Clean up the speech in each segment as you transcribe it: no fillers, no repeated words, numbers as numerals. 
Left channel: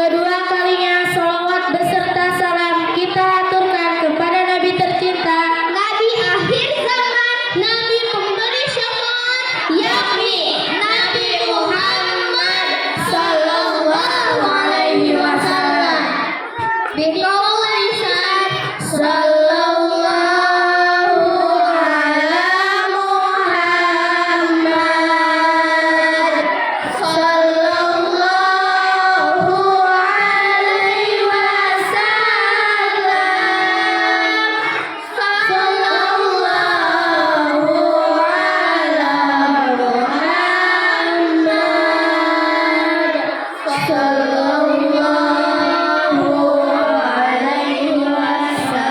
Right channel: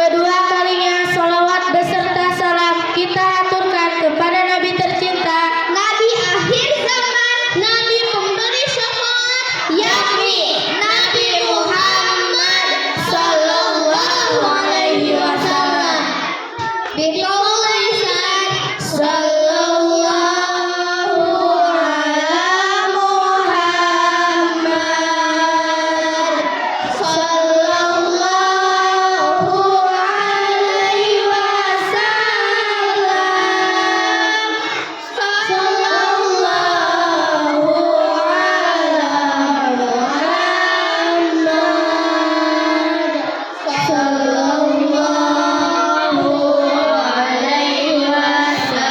Kedua kalinya salawat beserta salam kita aturkan kepada Nabi tercinta, Nabi akhir zaman, Nabi pemberi syafaat, yakni Nabi Muhammad sallallahu alaihi wasallam. Biqaul lisan sallallahu ala Muhammad sallallahu alaihi wasallam. Sallallahu ala Muhammad sallallahu alaihi wasallam.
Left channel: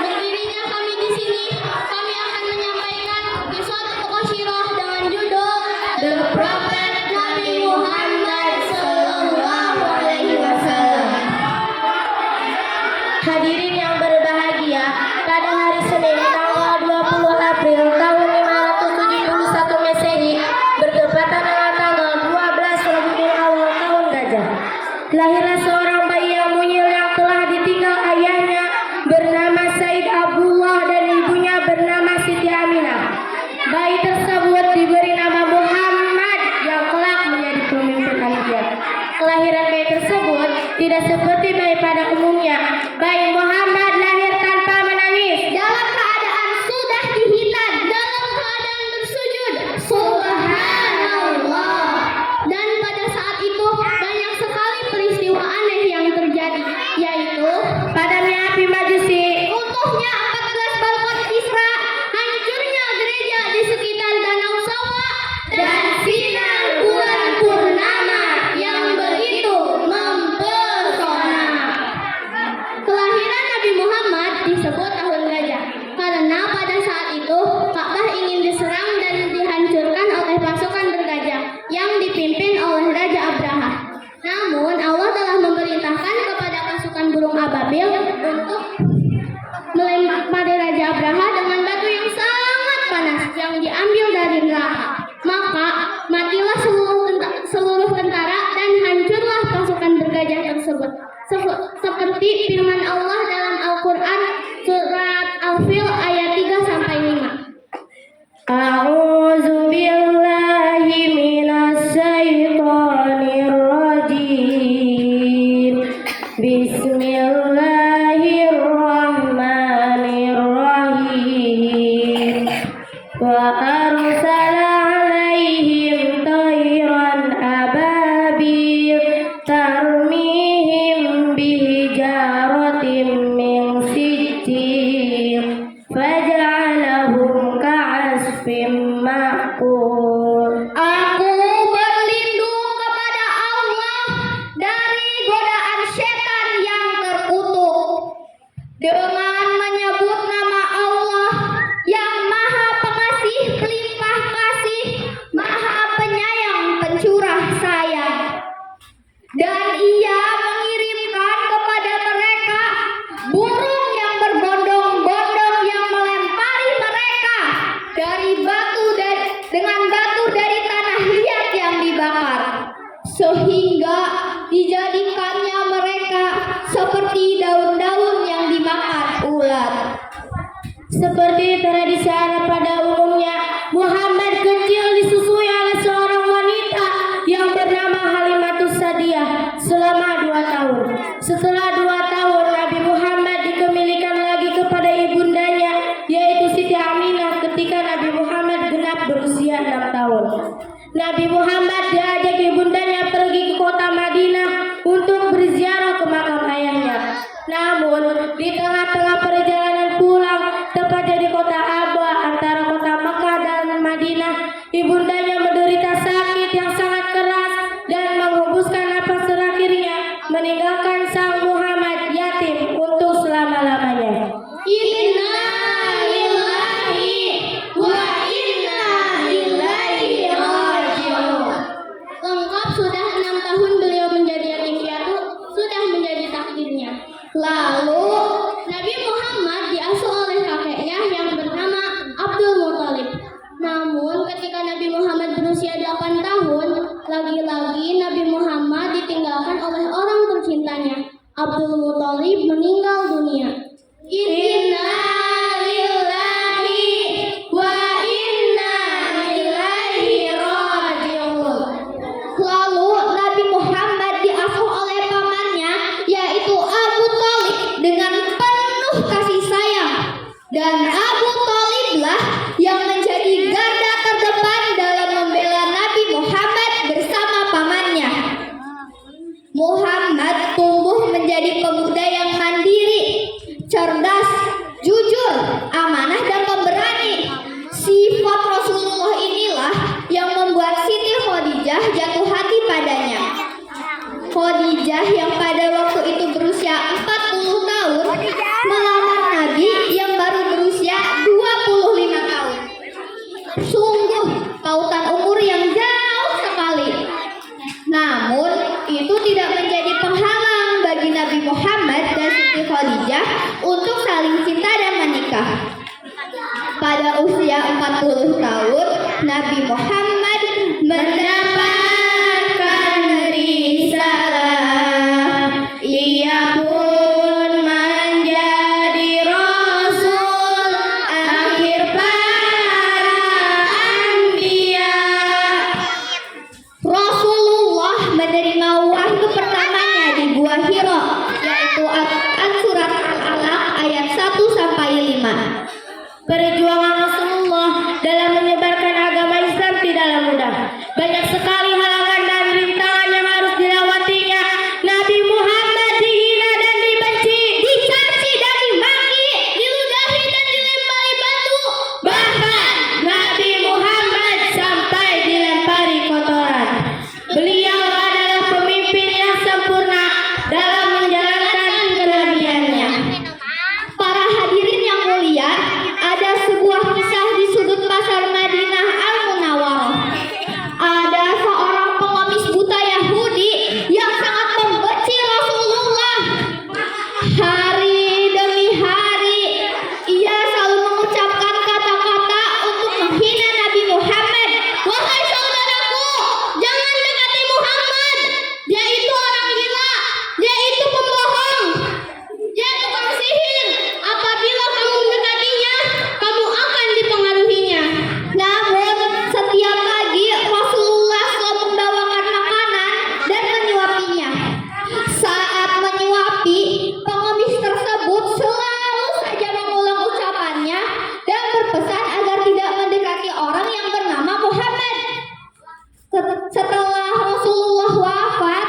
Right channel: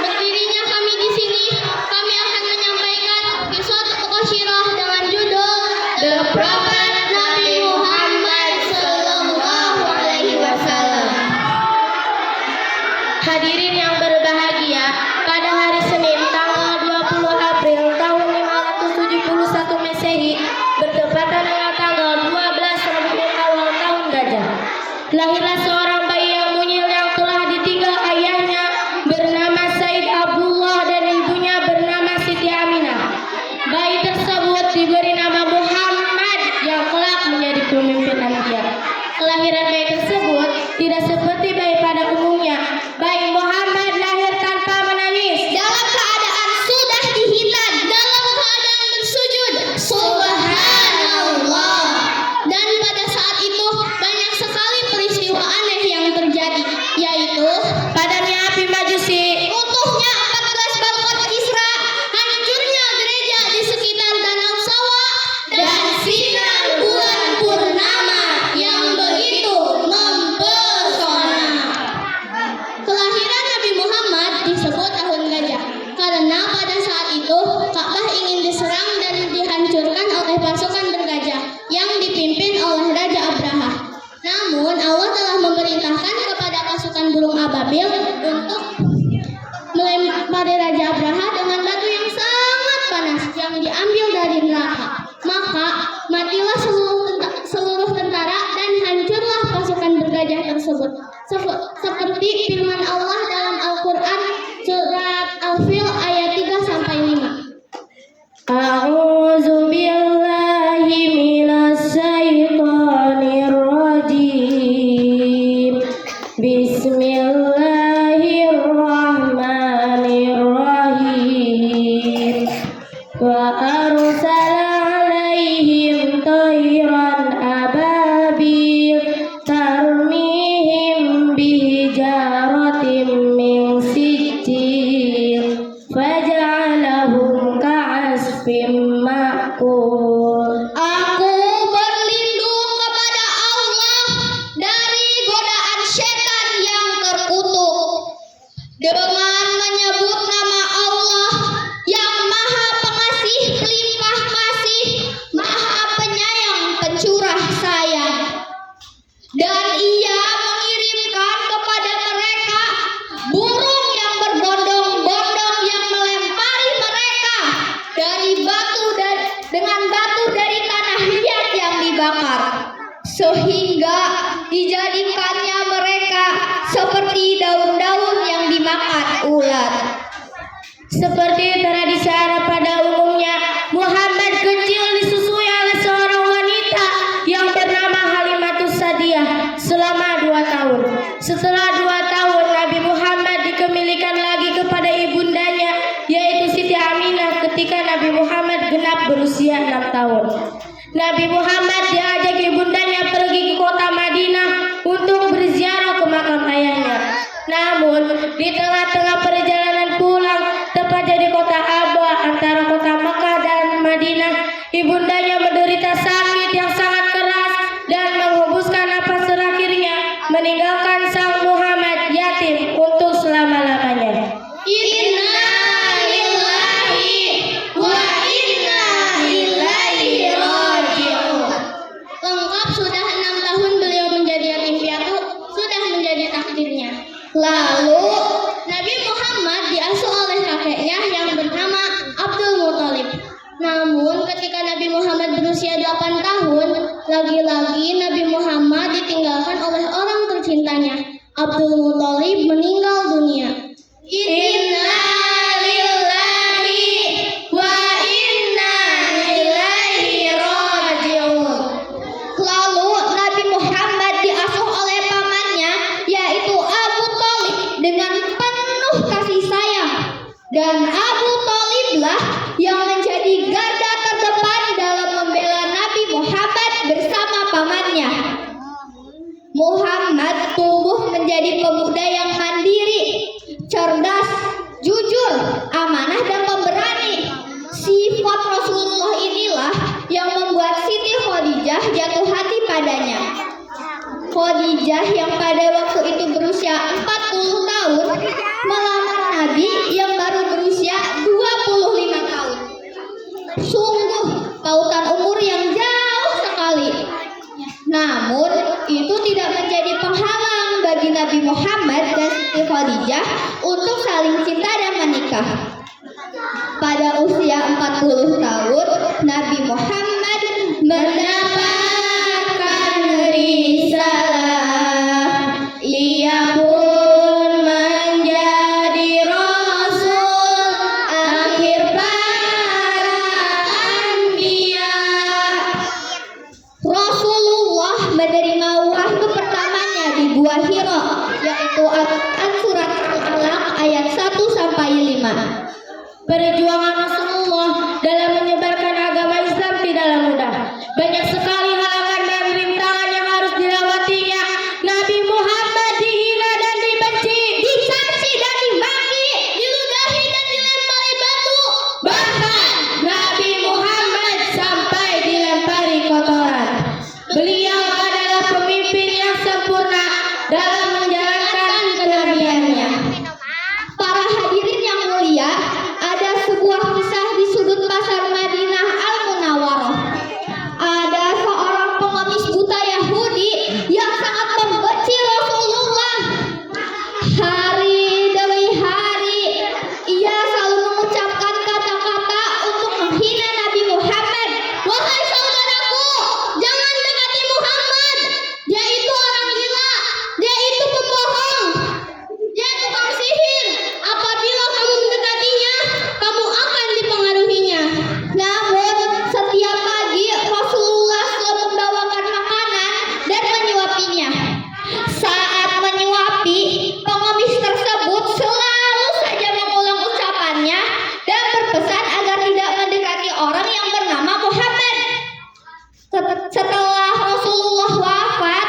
Berdirinya kami di sini, kami akan menyampaikan suatu qasyirah dengan judul The Prophet Nabi Muhammad sallallahu alaihi wasallam. Hadirin yang berbahagia, pada hari Senin tanggal 20 April tahun 571 Masehi bertepatan dengan tanggal 12 Rabiul Awal tahun Gajah, lahirlah seorang bayi yang mungil yang telah ditinggal ayahnya bernama Said Abdullah dan ibunya bernama Siti Aminah. Bayi tersebut diberi nama Muhammad yang kelak menjadi pemimpin Anbiya. Kelahiran bayi tersebut tidak seperti bayi pada umumnya. Bayi Muhammad lahir tanpa menangis. Dalam keadaan sudah dihitan, dalam keadaan bersujud, subhanallah. Dan pada saat itu banyak sekali peristiwa aneh yang terjadi, yaitu Padamnya api Majusi, runtuhnya 14 balkon Kisra, hancurnya gereja di sekitar Danau Sawa, dan sinar bulan purnama yang begitu mempesona. Kelahiran Nabi Muhammad disebut tahun gajah karena pada saat itu Ka'bah ingin diserang dan dihancurkan oleh pasukan bergajah yang dipimpin oleh Raja Abraha. Namun Allah telah memerintahkan kepada pasukan burung ababil untuk melempari Raja Abraha dengan batu yang sangat panas yang diambil dari neraka. Maka matilah seluruh tentara dan hancurlah pasukan bergajah tersebut. Seperti firman Allah dalam Al-Quran surat Al-Fil ayat 3 sampai 5. A'udzu billahi minas syaitonir rajim. Bismillahirrahmanirrahim. Wa arsala 'alaihim tayran ababil tarmihim bihijaratin min sijil faj'alahum ka'asfin ma'kul. Aku berlindung kepada Allah dari godaan setan yang terkutuk dengan menyebut nama Allah yang Maha Pengasih, Pelimpah Kasih, Maha Penyayang, Pencurah Sayang. Dan Ia mengirimkan kepada mereka burung yang berbondong-bondong yang melempari mereka dengan batu dari tanah liat yang dibakar, sehingga dijadikannya mereka seperti daun-daun yang dimakan ulat. Seperti tradisi Arab pada umumnya, Muhammad kecil disusui oleh seorang wanita yang bernama Halimatus Sadiah selama 2 tahun. Setelah 2 tahun, Nabi Muhammad dikembalikan lagi kepada ibundanya, yaitu Siti Aminah ketika Nabi Muhammad genap berusia 6 tahun. Nabi Muhammad diajak ibundanya pergi ke kota Madinah untuk berziarah ke makam ayahnya. Namun, di tengah-tengah perjalanan pulang, tepatnya di kota Abwa antara kota Mekah dan Madinah, ibundanya menderita sakit yang sangat keras dan menghembuskan napas terakhirnya, meninggalkan sang Muhammad yatim untuk selama-lamanya. Inna lillahi wa pada usia 40 tahun, Nabi Muhammad mendapatkan risalah. Ia pun menjadi Rasul akhir para anbiya. Rasulullah menerima wahyu pertamanya di Gua Hira, yaitu Al-Quran surat Al-Alaq ayat 1-5. Perjuangan Rasulullah dalam menyebarkan agama Islam tidaklah mudah. Banyak sekali halangan dan rintangan yang harus dilewatinya. Nabi Muhammad dihina dan dibenci, Dicaci dan dimaki, diludahi dan dilempari batu. bahkan Nabi Muhammad sampai dilempari kotoran. Beliau adalah pemimpin yang sempurna dalam menjalankan kenabiannya. Para hadirin yang mulia, ada sebuah kisah di sudut pasar Madinah Al-Munawwarah. Ada seorang pengemis buta Yahudi yang sangat membenci Rasulullah. Hari demi hari, ia selalu mengucapkan kata-kata untuk menghina Nabi Muhammad. Wahai saudaraku, jangan dekati Muhammad. Dia itu orang gila. Dia itu pembohong. Dia tukang sihir. Apabila kamu mendekatinya, kamu akan dipengaruhinya. Namun, setiap pagi Rasulullah selalu membawakan makanan dan menyuapinya. Saat menyuapi, pengemis tersebut selalu saja mengulang ucapannya dan berpesan agar tidak mendekati orang yang bernama Muhammad. Setelah Rasulullah wafat,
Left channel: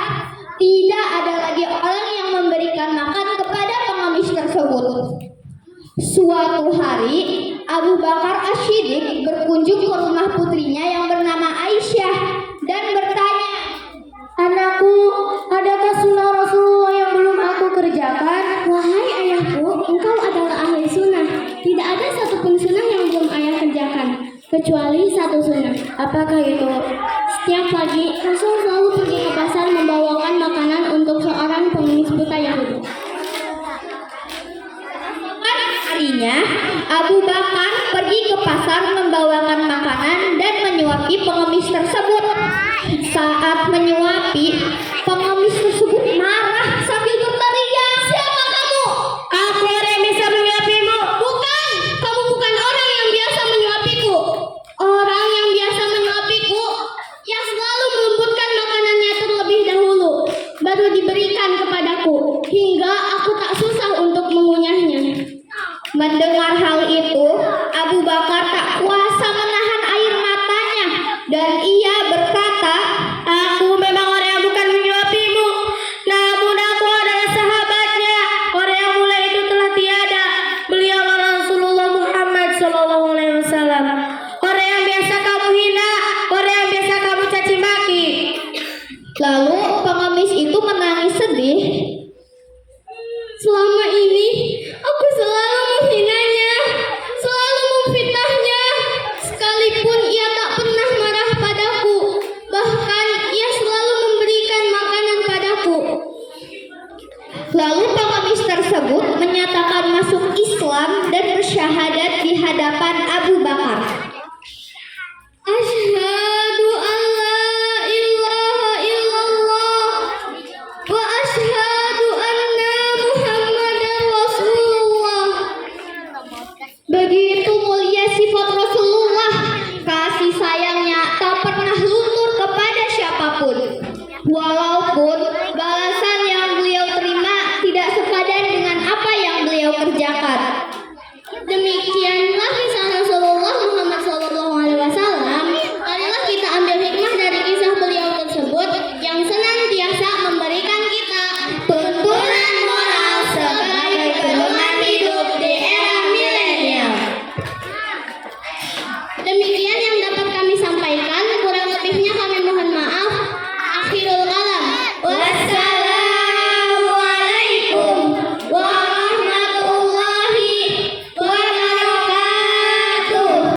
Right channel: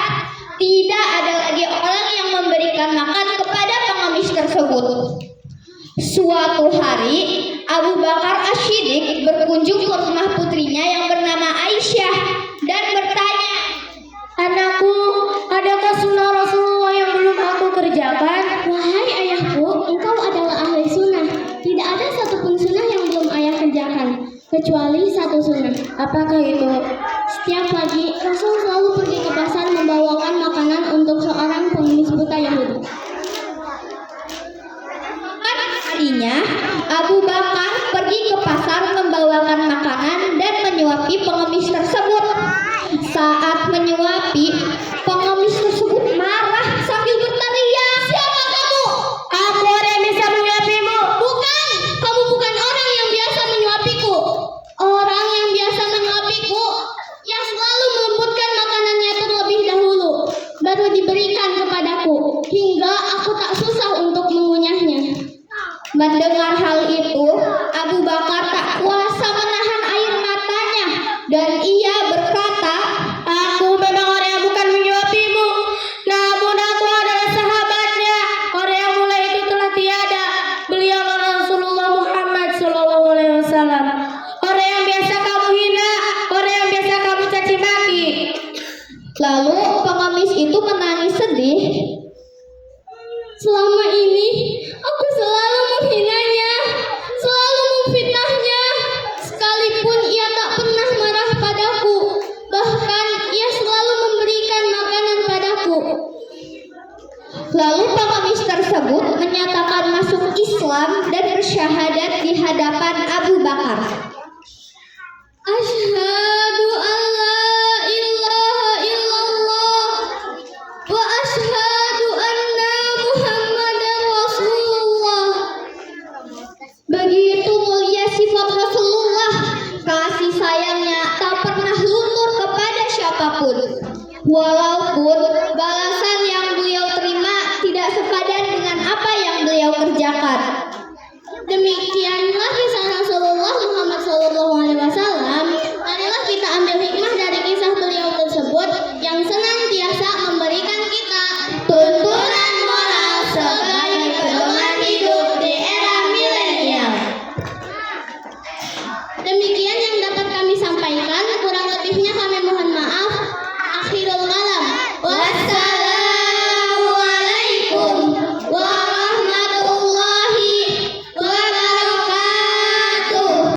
tidak ada lagi orang yang memberikan makan kepada pengemis tersebut. Suatu hari, Abu Bakar As-Siddiq berkunjung ke rumah putrinya yang bernama Aisyah dan bertanya, Anakku, adakah sunnah Rasulullah yang belum aku kerjakan? "Wahai ayahku, engkau adalah ahli sunnah. Tidak ada satupun sunnah yang belum ayah kerjakan, kecuali satu sunnah." Apakah itu? Setiap pagi, Rasul selalu pergi ke pasar membawakan makanan untuk seorang pengemis buta Yahudi. Harinya, Abu Bakar pergi ke pasar membawakan makanan dan menyuapi pengemis tersebut. Saat menyuapi, pengemis tersebut marah sambil berteriak, "Siapa kamu?" Aku orang yang bisa menyuapimu. "Bukan, kamu bukan orang yang biasa menyuapiku. Orang yang biasa menyuapiku yang selalu melembutkan makanannya terlebih dahulu, baru diberikan kepadaku, hingga aku tak susah untuk mengunyahnya." Mendengar hal itu, Abu Bakar tak kuasa menahan air matanya dan ia